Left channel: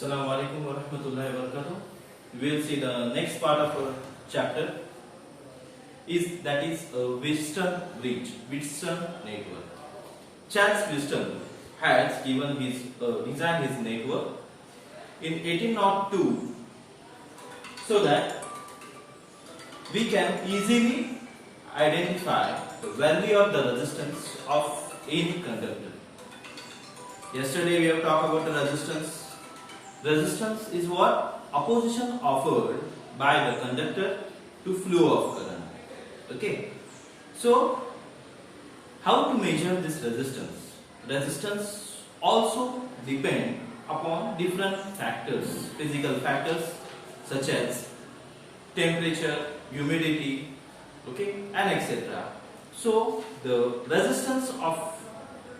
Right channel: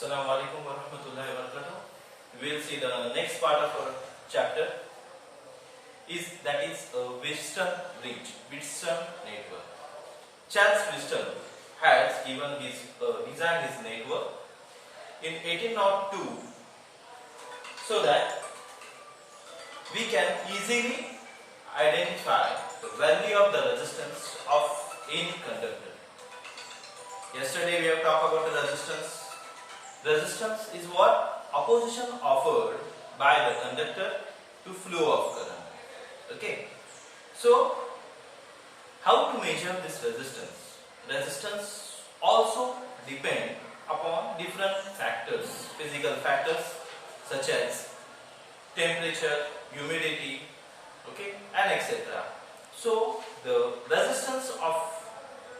Assalamu alaikum wa rahmatullahi wa barakatuh. We will see the next part of our chapter is Wheatstone bridge, Wheatstone network. Charles Wheatstone has given his designed his network in 1802 so that we can easily identify the value of the resistance of any conductor. Yesterday we have talked about the resistance. Resistance is what? Opposition offered by the conductor to flow of current. Okay. So, how to measure this resistance? Resistance also depend upon different factors, physical factors such as temperature, humidity, okay, and etc. So, the resistance of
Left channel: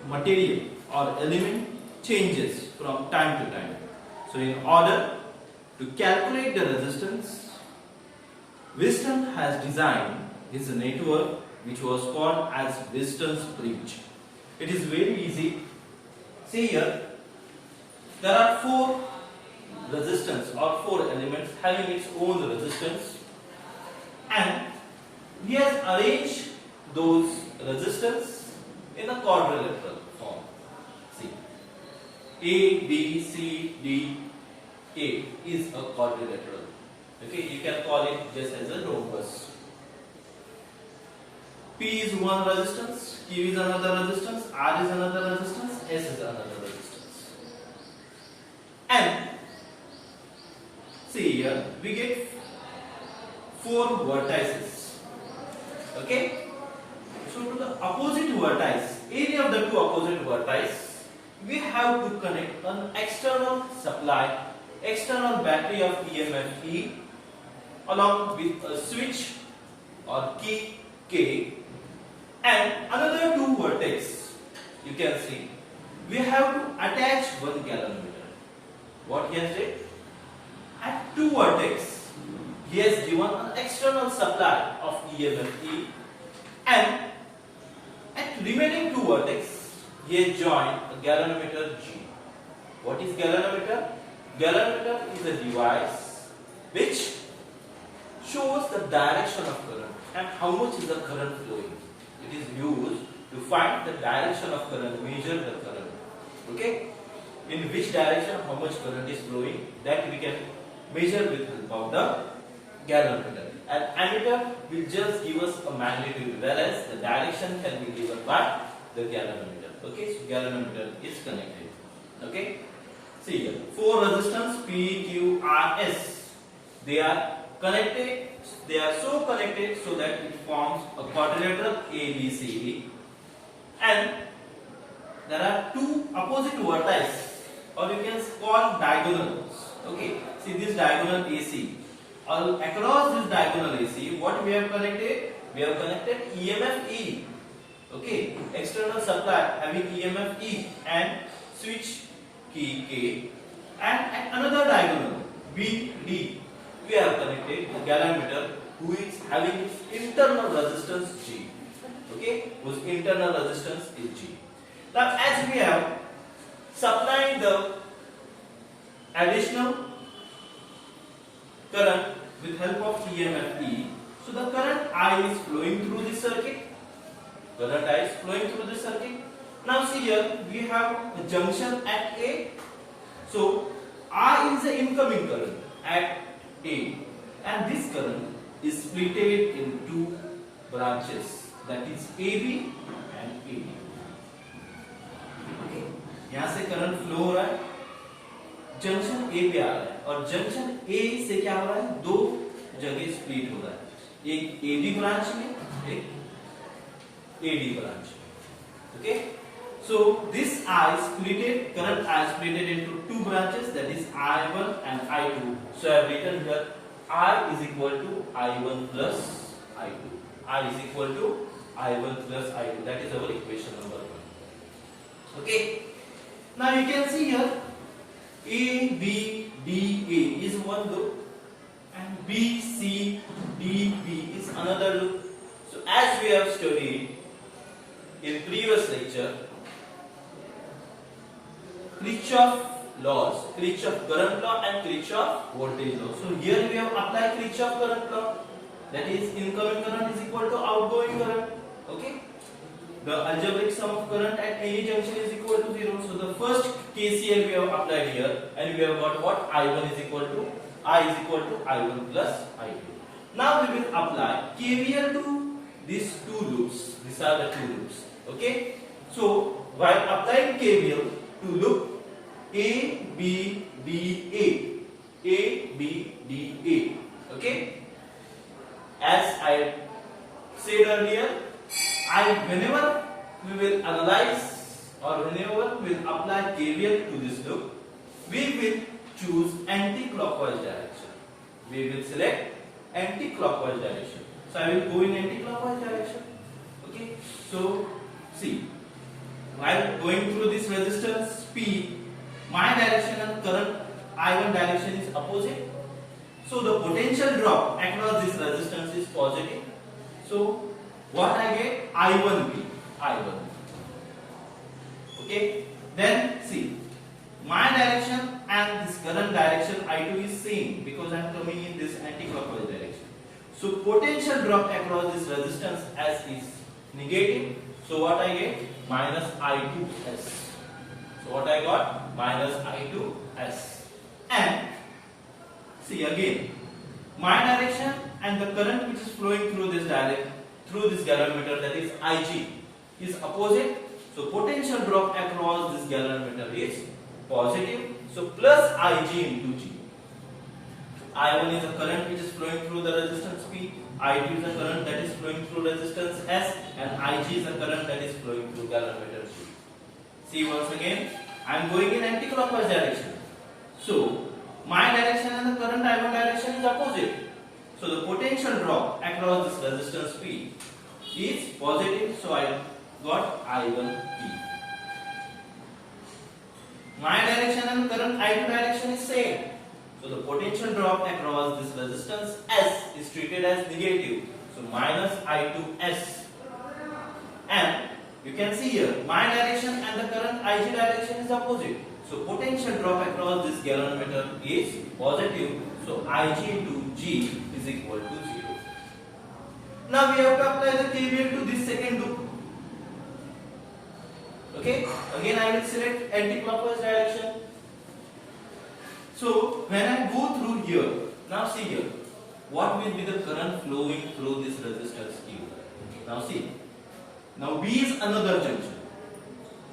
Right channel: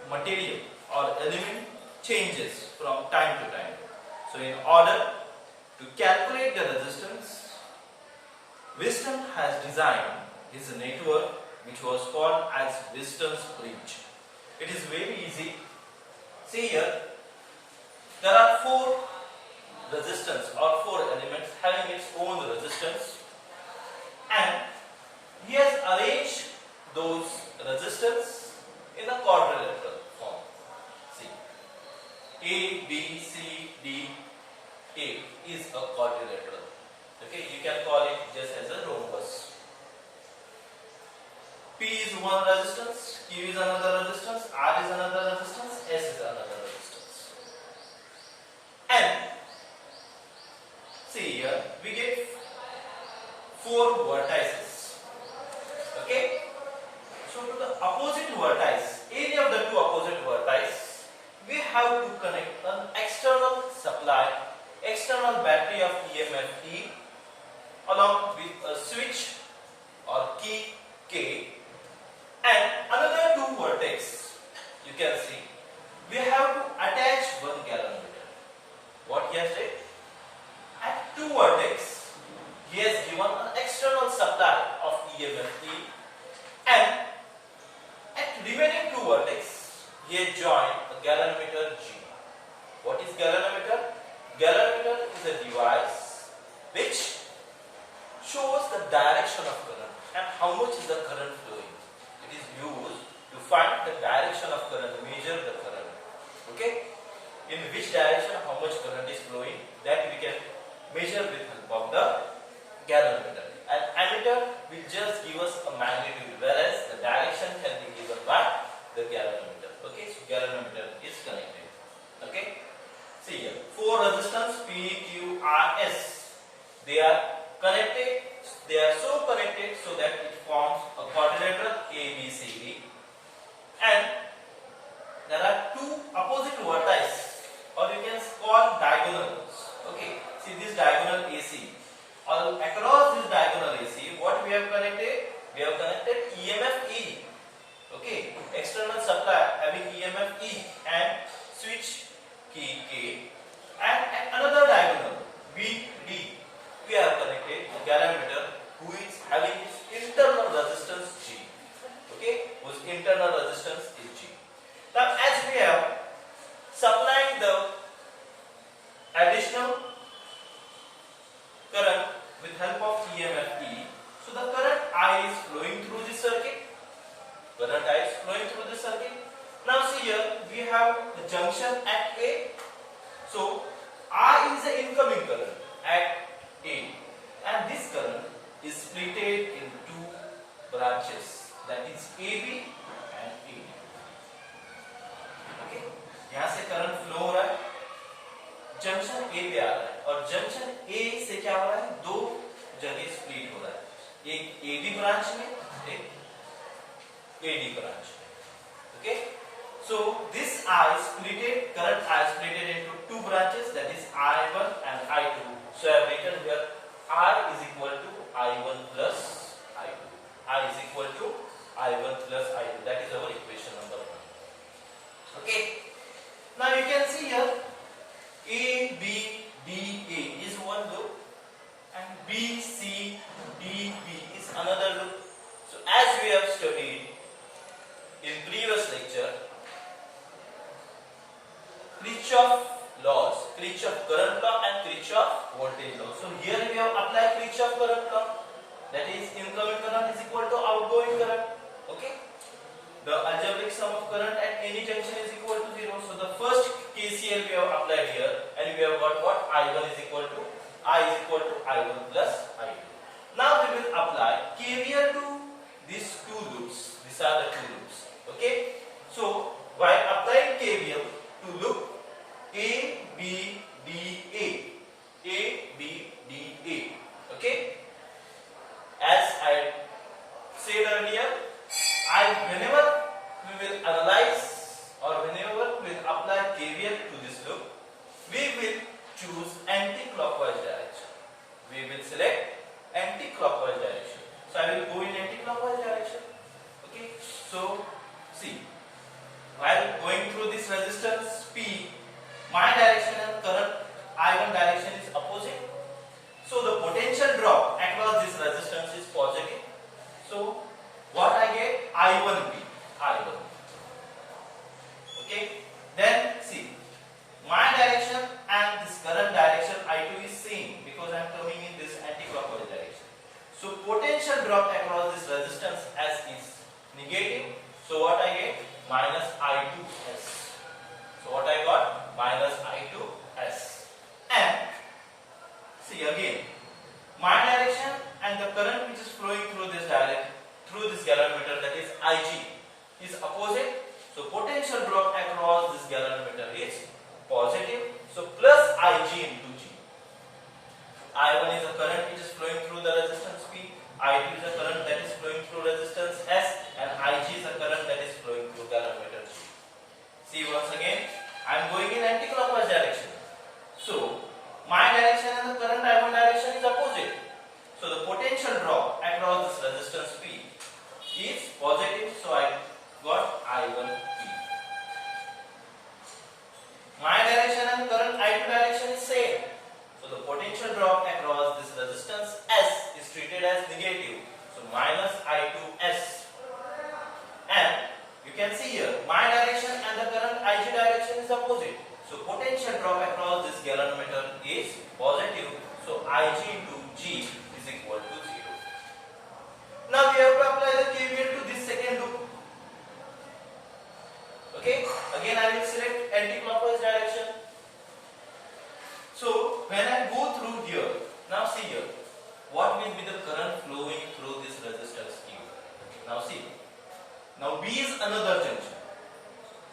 material or element changes from time to time. So, in order to calculate the resistance, Wheatstone has designed his network which was called as Wheatstone's bridge. It is very easy. See here, there are four resistance or four elements having its own resistance, and he has arranged those resistance in a quadrilateral form. See, A, B, C, D, A is a quadrilateral. Okay, you can call it just as a rhombus. P is one resistance, Q is another resistance, R is another resistance, S is another resistance. And see here, we get four vertices. Okay? So to the opposite vertex, any of the two opposite vertices, we have to connect an external supply, external battery of EMF E along with a switch or key K, and another two vertex. You can see we have to attach one galvanometer. What he has did? At two vertex, he has given an external supply of EMF E, and at remaining two vertex, he has joined a galvanometer G. What is galvanometer? Galvanometer is a device which shows the direction of current and how much is the current flowing. It is used to find the direction of current, measure the current. Okay? In which direction how much current is flowing, that we can measure with help of the galvanometer. An ammeter will just give us a magnitude, whereas the direction can be given by the galvanometer. Okay, so galvanometer is connected. Okay, see here, four resistance P, Q, R, S. They are connected. They are so connected so that it forms a quadrilateral A, B, C, E. And there are two opposite vertices, or you can call diagonals. Okay, see this diagonal AC. All across this diagonal AC, what we have connected? We have connected EMF E. Okay, external supply having EMF E and switch key K, and at another diagonal B, D, we are connected a galvanometer who is having its internal resistance G. Okay, whose internal resistance is G. Now, as we have supplying the additional current with help of EMF E, so the current I is flowing through this circuit. Current I is flowing through this circuit. Now see here, we have a junction at A. So I is the incoming current at A, and this current is split in two branches, that is AB and AD. Okay, यहाँ से current flow हो रहा है, junction A पे आ रहा है, और junction A से क्या हो रहा है? दो जगह स्प्लिट हो रहा है, एक AB ब्रांच में, एक AD branch. Okay, so this I splitted, current I splitted into two branches, that is I1 and I2. So I have written here I is equal to I1 plus I2. I is equal to I1 plus I2. That is our equation number 1. Okay. Now you can see here A, B, D, A is one loop, and B, C, D, B is another loop. So as we have studied in previous lecture, Kirchhoff laws, Kirchhoff current law and Kirchhoff voltage law. So here we have applied Kirchhoff current law, that is incoming current is equal to outgoing current. Okay, the algebraic sum of current at any junction is equal to 0. So the first KCL we have applied here, and we have got what? I1 is equal to I1 plus I2. Now we will apply KVL to these two loops. These are the two loops. Okay, so while applying KVL to loop A, B, D, A, B, D, A. Okay, as I said earlier, whenever we will analyze or whenever we will apply KVL to this loop, we will choose anti-clockwise direction. We will select anti-clockwise direction. So I will go in anti-clockwise direction. Okay, so see, while going through this resistance P, my direction and current I1 direction is opposite. So the potential drop across this resistance is positive. So what I get? I1B. Okay. Then see, my direction and this current direction I2 is same because I am coming in this anti-clockwise direction. So potential drop across this resistance S is negative. So what I get? Minus I2S. So what I got? Minus I2S. And see again, my direction and the current which is flowing through this galvanometer, that is Ig, is opposite. So potential drop across this galvanometer is positive. So plus Ig into G. I1 is a current which is flowing through the resistance P. I2 is a current that is flowing through resistance S, and Ig is a current that is flowing through galvanometer G. See once again, I am going in anti-clockwise direction. So my direction and the current I1 direction is opposite. So the potential drop across this resistance P is positive. So I got I1P. My direction and the current I2 direction is same. So the potential drop across this resistance S is treated as negative. So minus I2S. And you can see here, my direction and the current Ig direction is opposite. So potential drop across this galvanometer is positive. So Ig into G is equal to 0. Now we have to apply the KVL to this second loop. Okay, again I will select anti-clockwise direction. So when I go through here, now see here, what will be the current flowing through this resistance Q? Now see, now B is another junction.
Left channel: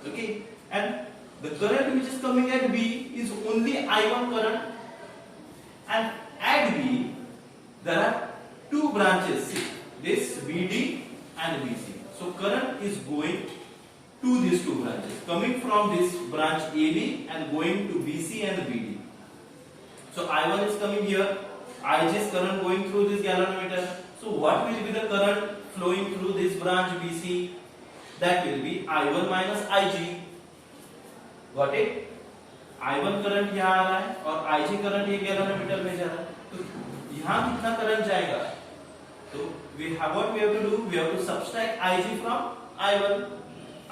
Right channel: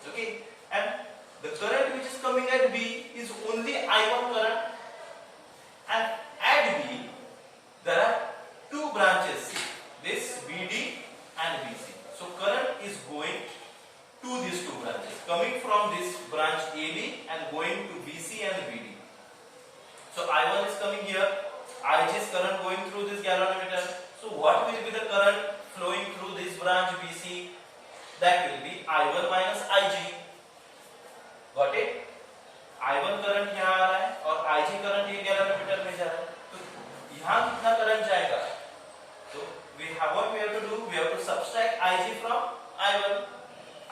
Okay, and the current which is coming at B is only I1 current, and at B there are two branches, see, this BD and BC. So current is going to these two branches, coming from this branch AB and going to BC and BD. So I1 is coming here, Ig is current going through this galvanometer. So what will be the current flowing through this branch BC? That will be I1 minus Ig. Got it? I1 current यहाँ आ रहा है और Ig current ये galvanometer में जा रहा है, तो यहाँ कितना करंट जाएगा? तो what we have to do? We have to subtract Ig from I1.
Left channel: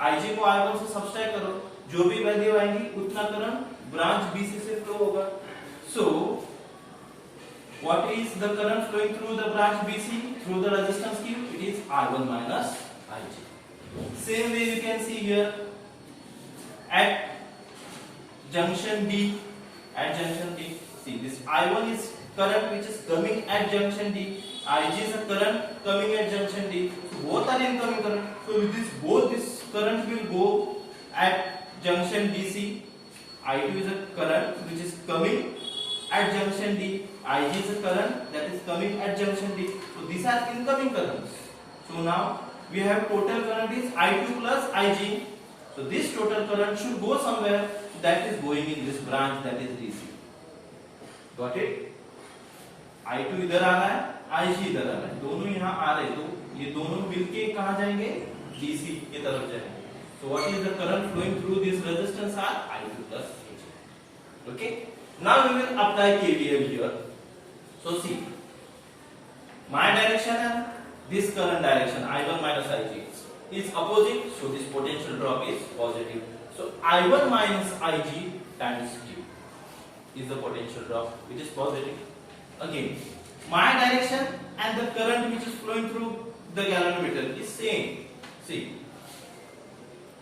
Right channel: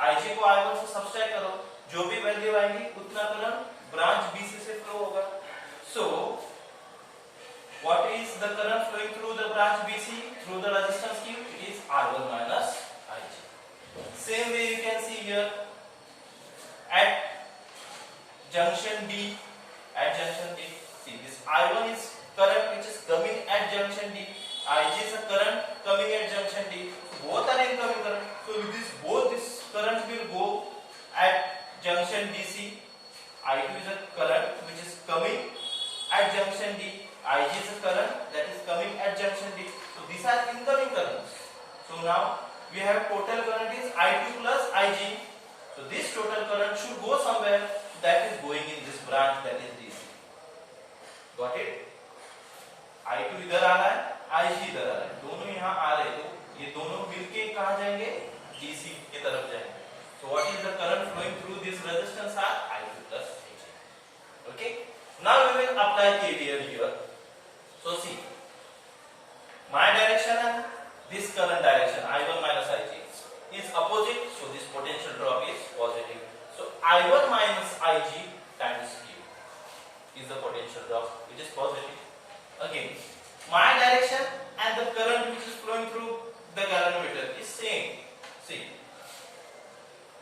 Ig को I1 से subtract करो, जो भी वैल्यू आएगी उतना करंट ब्रांच BC से फ्लो होगा. So what is the current flowing through the branch BC through the resistance Q? It is R1 minus Ig. Same way you can see here at junction D. See, this I1 is current which is coming at junction D. Ig is a current coming at junction D. So both are incoming current. So with this, both this current will go at junction DC. I2 is a current which is coming at junction D. Ig is a current that is coming at junction D. So these are incoming currents. So now we have total current is I2 plus Ig. So this total current should go somewhere. That is going in this branch, that is DC. Got it? I2 इधर आ रहा है, Ig इधर आ रहा है, दोनों यहाँ आ रहे, तो ये दोनों मिलके कहाँ जाएंगे? DC की तरफ जाएंगे. So what is the current flowing through this resistance? Are I2 plus Ig. Okay. Now we will apply KVL here. So see, my direction and this current direction I1 minus Ig is opposite. So this potential drop is positive. So I1 minus Ig times Q. is the potential drop, which is positive. Again, my direction and the current which is flowing through the galvanometer is same. See,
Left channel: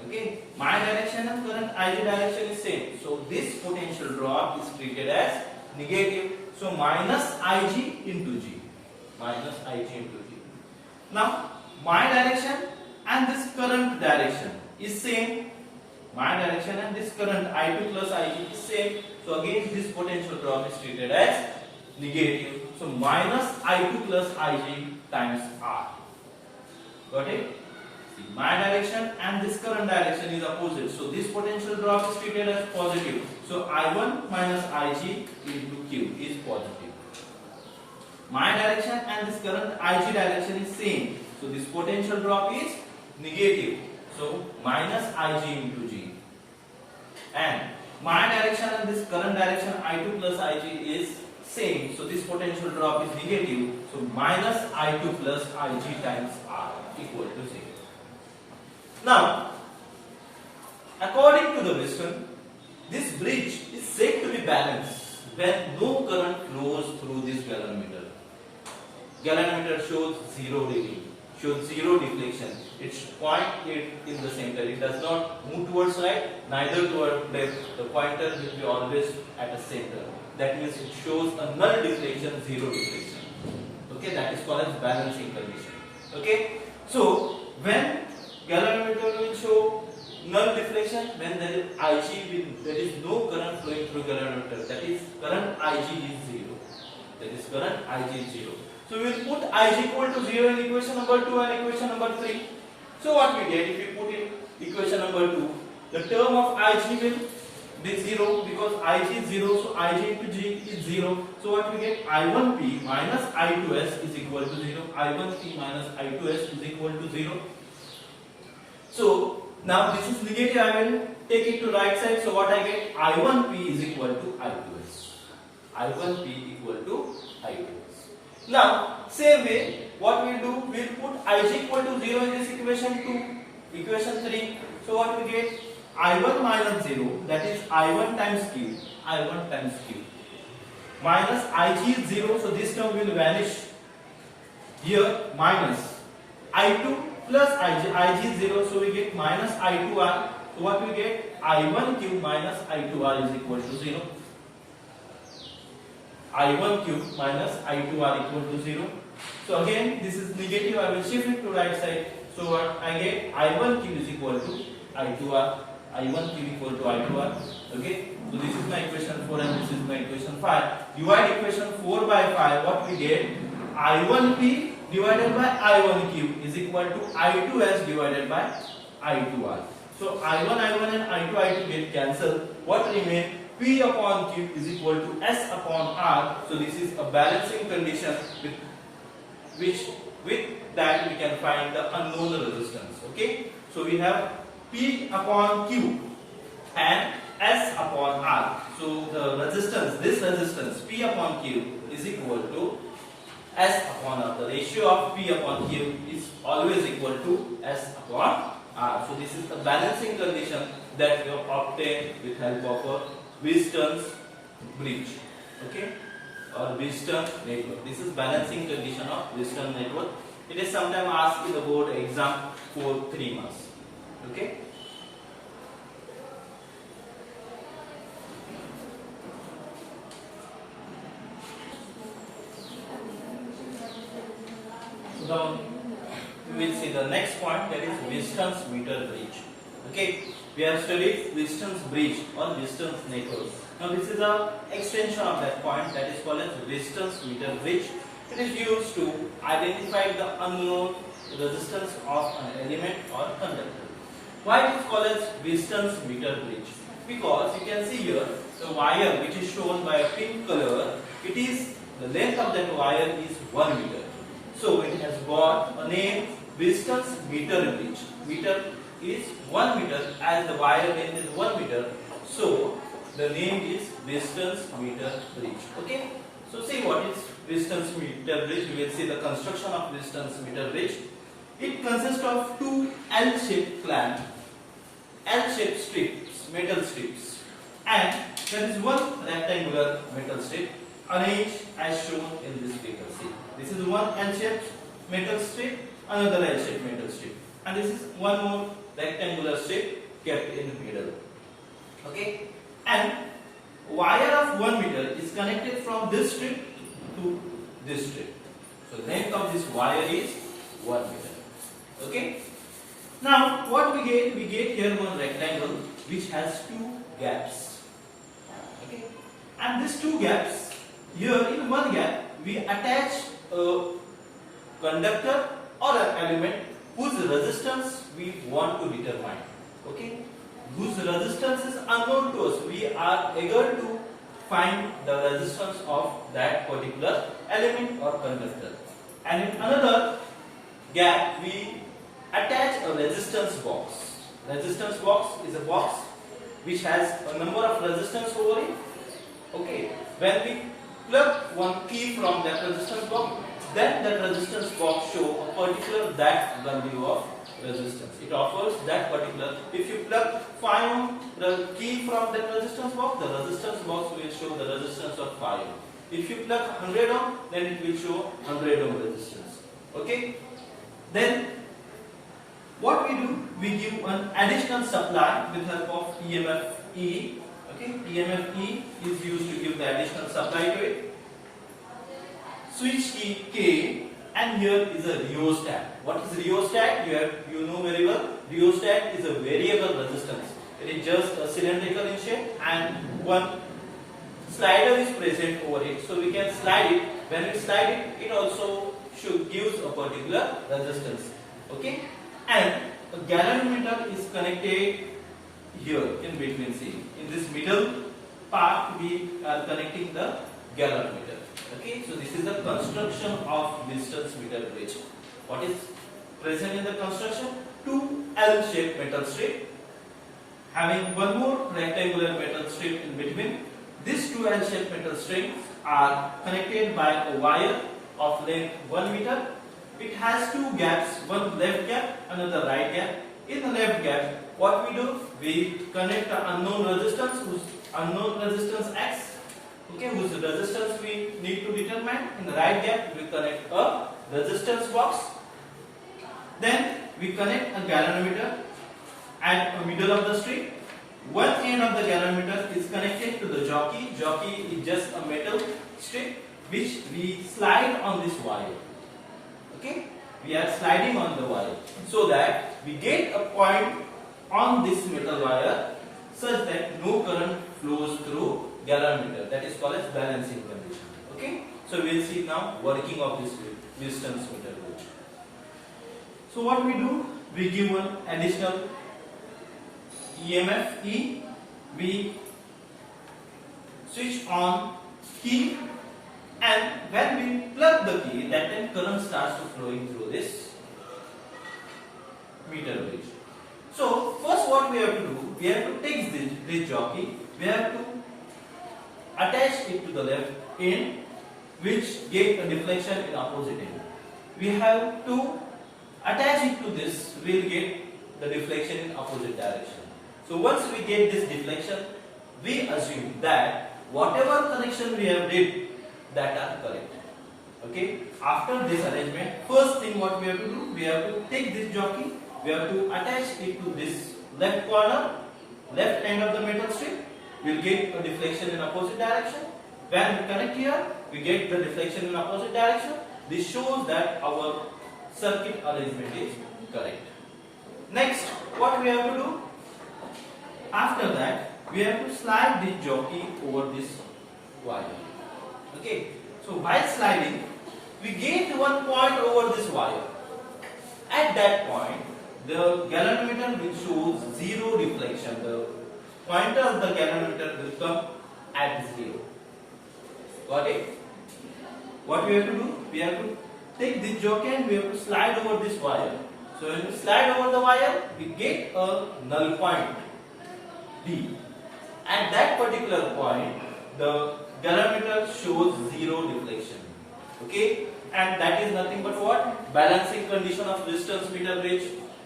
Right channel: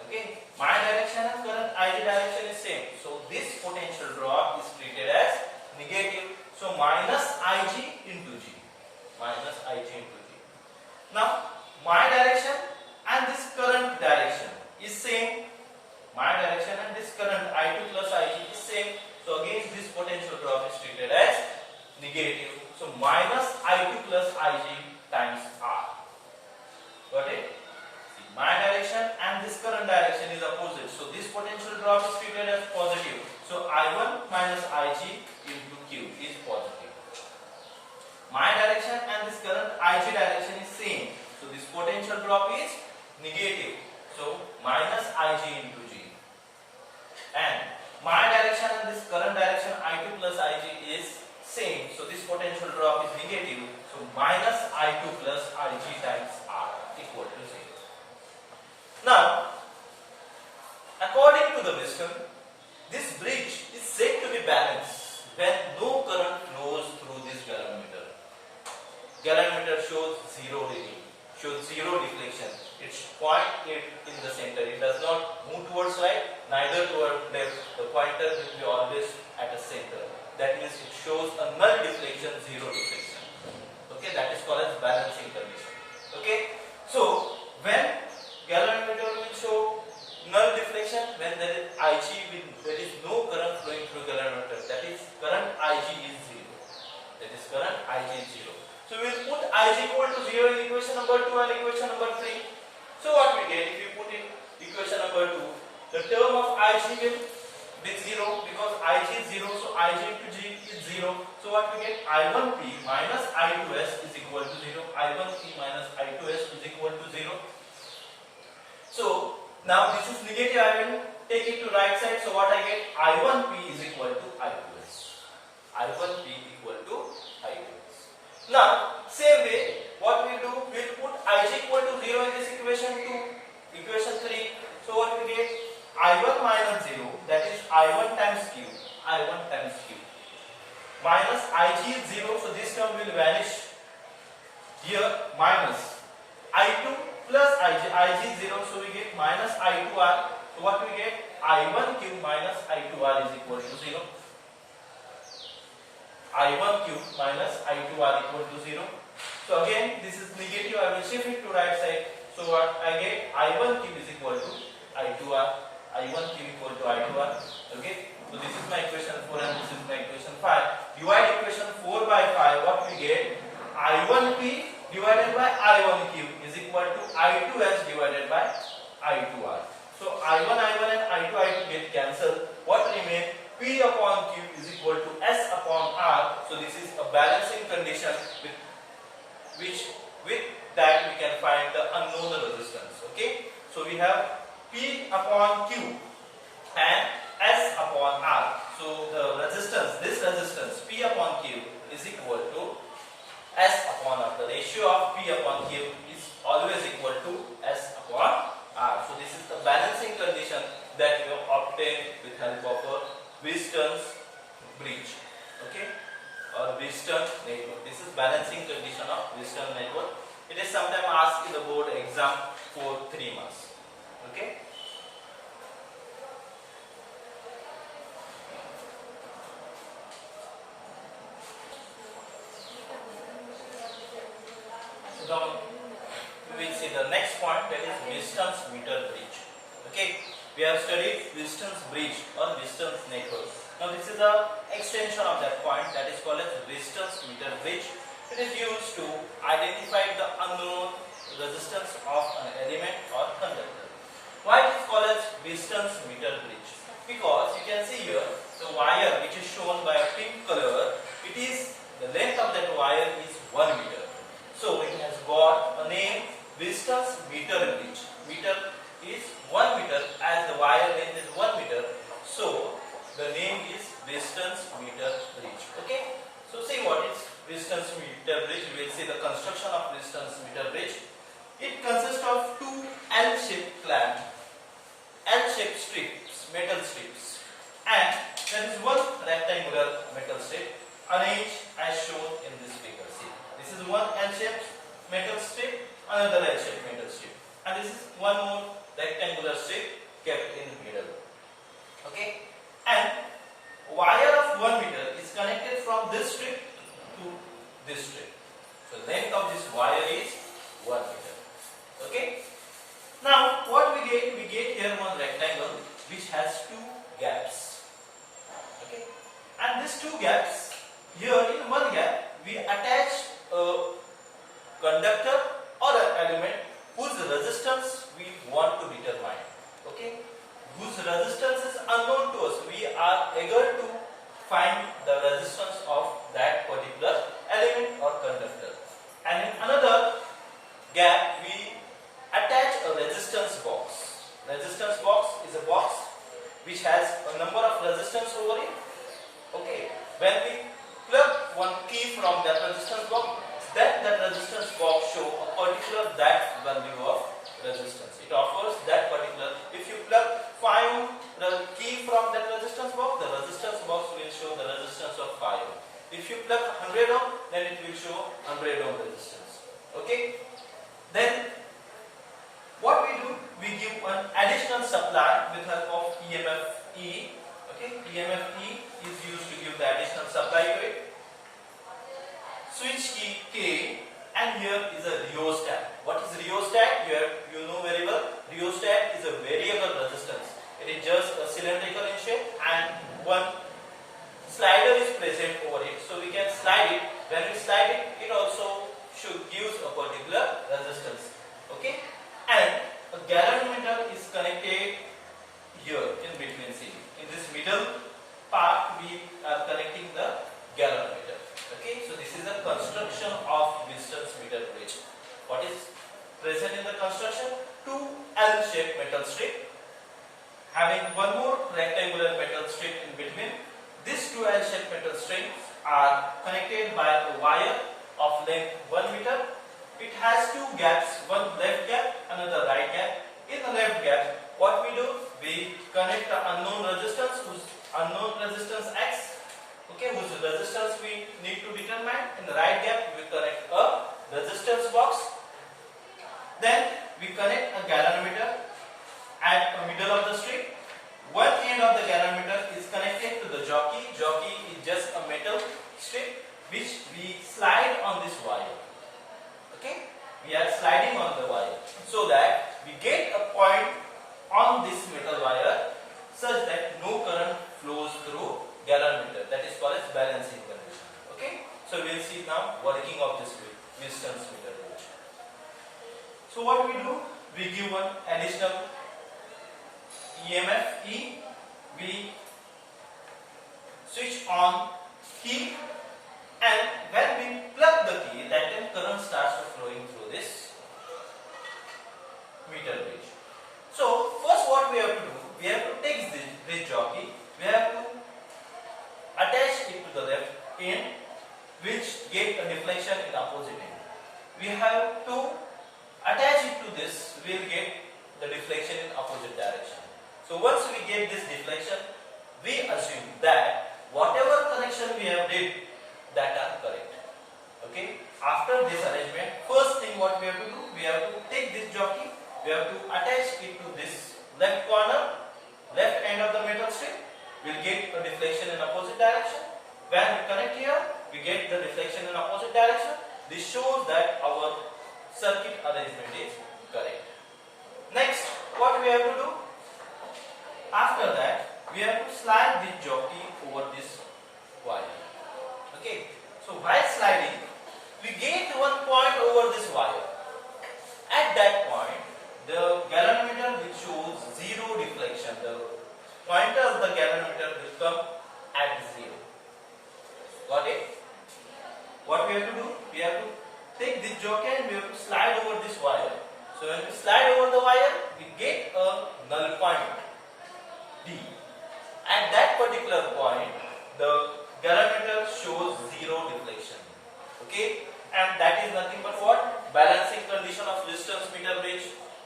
okay, my direction and current IG direction is same. So this potential drop is treated as negative. So minus Ig into G. Minus Ig into G. Now my direction and this current direction is same. My direction and this current I2 plus Ig is same. So again this potential drop is treated as negative. So minus I2 plus Ig times R. Got it? See, my direction and this current direction is opposite. So this potential drop is treated as positive. So I1 minus Ig into Q is positive. My direction and this current Ig direction is same. So this potential drop is negative. So minus Ig into G. And my direction and this current direction I2 plus Ig is same. So this potential drop is negative. So minus I2 plus Ig times R equal to 0. Now, according to the wisdom, this bridge is said to be balanced when no current flows through this galvanometer. Galvanometer shows zero reading, shows zero deflection. It's 0.8 in the center. It does not move towards right, neither toward left. The pointer will be always at the center. That means it shows a null deflection, zero deflection. Okay, that is called as balancing condition. Okay, so when galvanometer will show null deflection, when there is Ig, there is no current flowing through galvanometer. That is current Ig is zero. That is current Ig is zero. So we will put Ig equal to 0 in equation number 2 and equation number 3. So what we get if we put in equation number 2, the term of Ig will be 0 because Ig is 0, so Ig into G is 0. So what we get, I1P minus I2S is equal to 0. I1P minus I2S is equal to 0. So now this is negative, I will take it to right side. So what I get, I1P is equal to I2S. I1P equal to I2S. Now, same way, what we do, we will put Ig equal to 0 in this equation 2, equation 3. So what we get, I1 minus 0, that is I1 times Q, I1 times Q. Minus Ig is 0, so this term will vanish. Here, minus I2 plus Ig is 0, so we get minus I2R. So what we get, I1Q minus I2R is equal to 0. I1Q minus I2R equal to 0. So again, this is negative, I will shift it to right side. So what I get, I1Q is equal to I2R. I1Q equal to I2R. Okay, so this is my equation 4 and this is my equation 5. Divide equation 4 by 5, what we get, I1P divided by I1Q is equal to I2S divided by I2R. So I1 and I2 get cancelled. What remains? P upon Q is equal to S upon R. So this is a balancing condition with that we can find the unknown resistance. Okay, so we have P upon Q and S upon R. So the resistance, this resistance P upon Q is equal to S upon R. The ratio of P upon Q is always equal to S upon R. So this is the balancing condition that we have obtained with help of a Wheatstone's bridge, okay, or Wheatstone network. This is balancing condition of Wheatstone network. It is sometimes asked in the board exam for 3 marks. Okay. So now we will see the next point, that is Wheatstone's meter bridge. Okay. We have studied Wheatstone's bridge or Wheatstone's network. Now this is the extension of that point, that is called as Wheatstone's meter bridge. It is used to identify the unknown resistance of an element or conductor. Why it is called as Wheatstone's meter bridge? Because you can see here the wire which is shown by a pink color, it is the length of that wire is 1 meter. So it has got a name, Wheatstone's meter bridge. Meter is 1 meter as the wire length is 1 meter. So the name is Wheatstone's meter bridge. Okay. So see what is Wheatstone's meter bridge. We will see the construction of Wheatstone's meter bridge. It consists of 2 L-shaped clamp, L-shaped strips, metal strips, and There is one rectangular metal strip arranged as shown in this figure. See, this is one L-shaped metal strip, another L-shaped metal strip, and this is one more rectangular strip kept in the middle. Okay, and wire of 1 meter is connected from this strip to this strip. So the length of this wire is 1 meter. Okay. Now what we get? We get here one rectangle which has two gaps. Okay, and these two gaps, here in one gap we attach a conductor or an element whose resistance we want to determine. Okay, whose resistance is unknown to us. We are able to find the resistance of that particular element or conductor. And in another gap we attach a resistance box. Resistance box is a box which has a number of resistance over it. Okay, when we plug one key from that resistance box, then that resistance box show a particular that value of resistance. It offers that particular. If you plug 5 the key from that resistance box, the resistance box will show the resistance of 5. If you plug 100 ohm, then it will show 100 ohm resistance. Okay, then what we do, we give an additional supply with help of EMF E. Okay, EMF E is used to give the additional supply to it. Switch key K, and here is a rheostat. What is rheostat? Here you know very well. Rheostat is a variable resistance. It is just a cylindrical in shape, and one slider is present over it. So we can slide it. When we slide it, it also should gives a particular resistance. Okay. And a galvanometer is connected here in between. See, in this middle part we are connecting the galvanometer. Okay, so this is the construction of distance meter bridge. What is present in the construction? Two L-shaped metal strip having one more rectangular metal strip in between. These two L-shaped metal strips are connected by a wire of length 1 meter. It has two gaps, one left gap, another right gap. In the left gap, what we do? We connect the unknown resistance, whose unknown resistance X, okay, whose resistance we need to determine. In the right gap, we connect a resistance box. Then we connect a galvanometer at the middle of the strip. One end of the galvanometer is connected to the jockey. Jockey is just a metal strip which we slide on this wire. Okay, we are sliding on the wire so that we get a point on this metal wire such that no current flows through galvanometer. That is called as balancing condition. Okay, so we will see now working of this distance meter bridge. So what we do? We give one additional EMF E. We switch on key. And when we plug the key, that time current starts to flowing through this meter bridge. So first what we have to do, we have to take this jockey, we have to attach it to the left end, which get a deflection in opposite end. We have to attach it to this, we will get the deflection in opposite direction. So once we get this deflection, we assume that whatever connection we have did, that are correct. Okay, after this arrangement, first thing what we have to do, we have to take this jockey, we have to attach it to this left corner, left end of the metal strip. We will get a deflection in opposite direction. When we connect here, we get the deflection in opposite direction. This shows that our circuit arrangement is correct. Next, what we have to do? After that, we have to slide this jockey over this wire. Okay, so while sliding, we get one point over this wire. At that point, the galvanometer will show zero deflection. The pointer of the galvanometer will come at 0. Got it? What we have to do? We have to take this jockey and we have to slide over this wire. So when we slide over the wire, we get a null point D. At that particular point, the galvanometer shows zero deflection. Okay, and that is nothing but what? Balancing condition of distance meter bridge.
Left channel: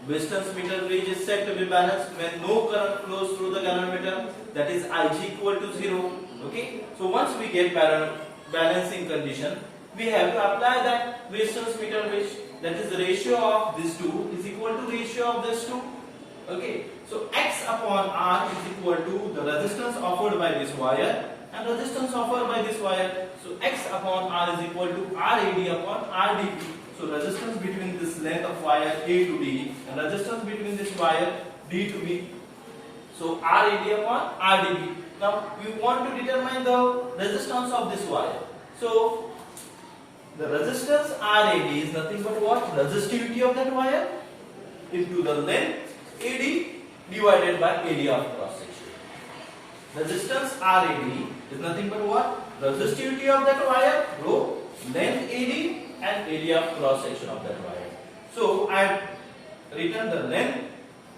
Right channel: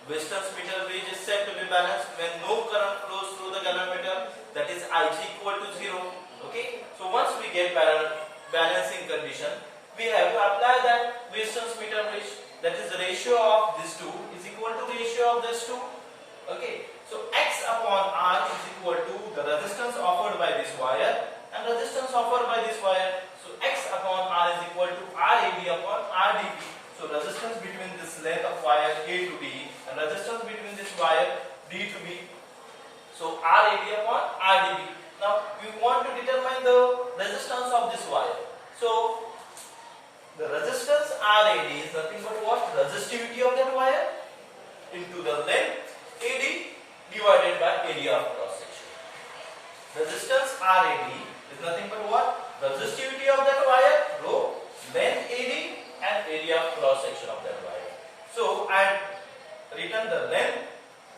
Resistance meter bridge is said to be balanced when no current flows through the galvanometer, that is Ig equal to 0. Okay, so once we get balancing condition, we have to apply that resistance meter bridge, that is the ratio of these two is equal to ratio of these two. Okay, so X upon R is equal to the resistance offered by this wire and resistance offered by this wire. So X upon R is equal to RAD upon RDP. So resistance between this length of wire A to D and resistance between this wire D to B. So RAD upon RDP. Now we want to determine the resistance of this wire. So the resistance RAD is nothing but what? Resistivity of that wire into the length AD divided by area of cross section. Resistance RAD is nothing but what? Resistivity of that wire, rho, length AD and area of cross section of that wire. So I have written the length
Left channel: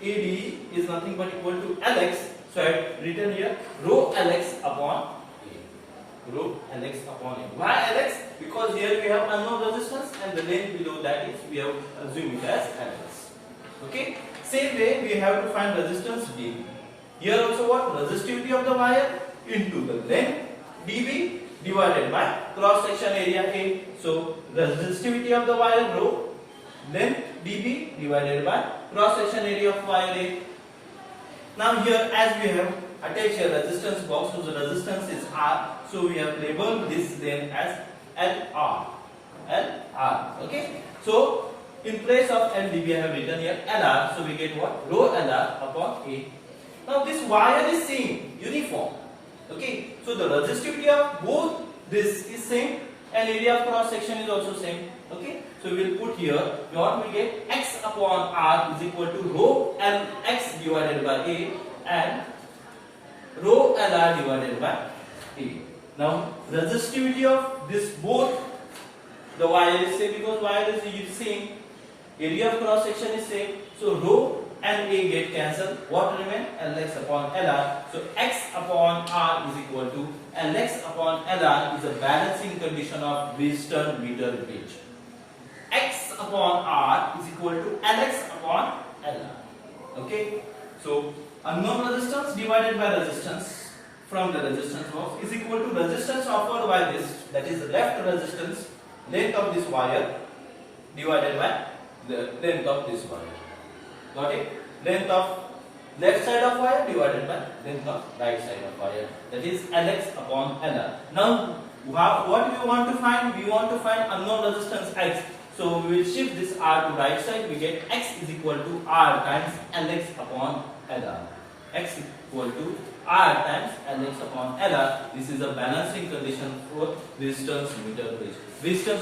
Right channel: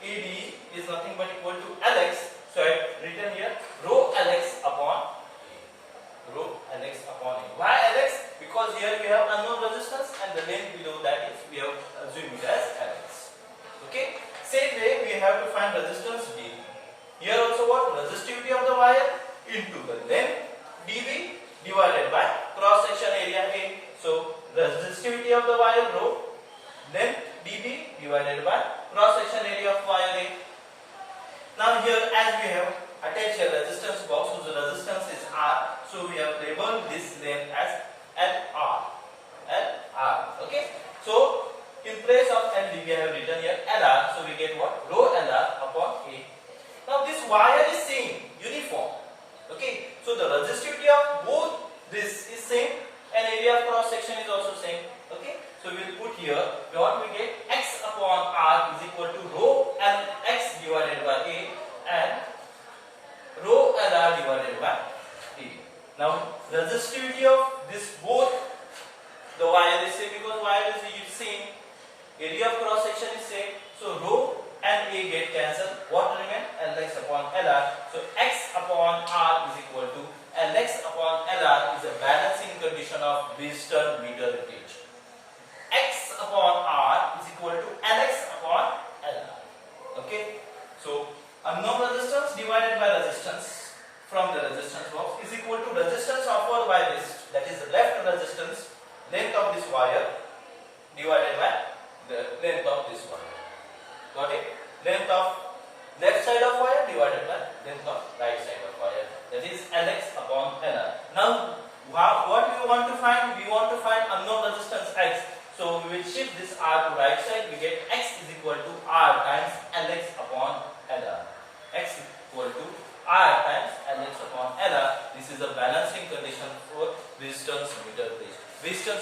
AD is nothing but equal to Lx. So I have written here rho Lx upon A. Rho Lx upon A. Why Lx? Because here we have unknown resistance and the length below that is we have assumed it as Lx. Okay. Same way we have to find resistance dB. Here also what? Resistivity of the wire into the length dB divided by cross section area A. So resistivity of the wire rho, length dB divided by cross section area of wire A. Now here as we have attached a resistance box, so the resistance is R. So we have labeled this length as LR. LR. Okay. So in place of LDB I have written here LR. So we get what? Rho LR upon A. Now this wire is same, uniform. Okay, so the resistivity of both this is same and area of cross section is also same. Okay, so we will put here what we get X upon R is equal to rho Lx divided by A and rho Lr divided by A. Now resistivity of this both the wire is same because wire is same, area of cross section is same. So rho and A get cancelled. What remain? Lx upon Lr. So X upon R is equal to Lx upon Lr is a balancing condition of Wheatstone meter gauge. X upon R is equal to Lx upon Lr. Okay. So unknown resistance divided by resistance from the resistance box is equal to resistance offered by this, that is left resistance, length of this wire divided by the length of this wire. Got it? Length of left side of wire divided by length of right side of wire. That is Lx upon Lr. Now, what we want to find? We want to find unknown resistance X. So we will shift this R to right side. We get X is equal to R times Lx upon Lr. X equal to R times Lx upon Lr. This is a balancing condition for Wheatstone's meter bridge. Wheatstone's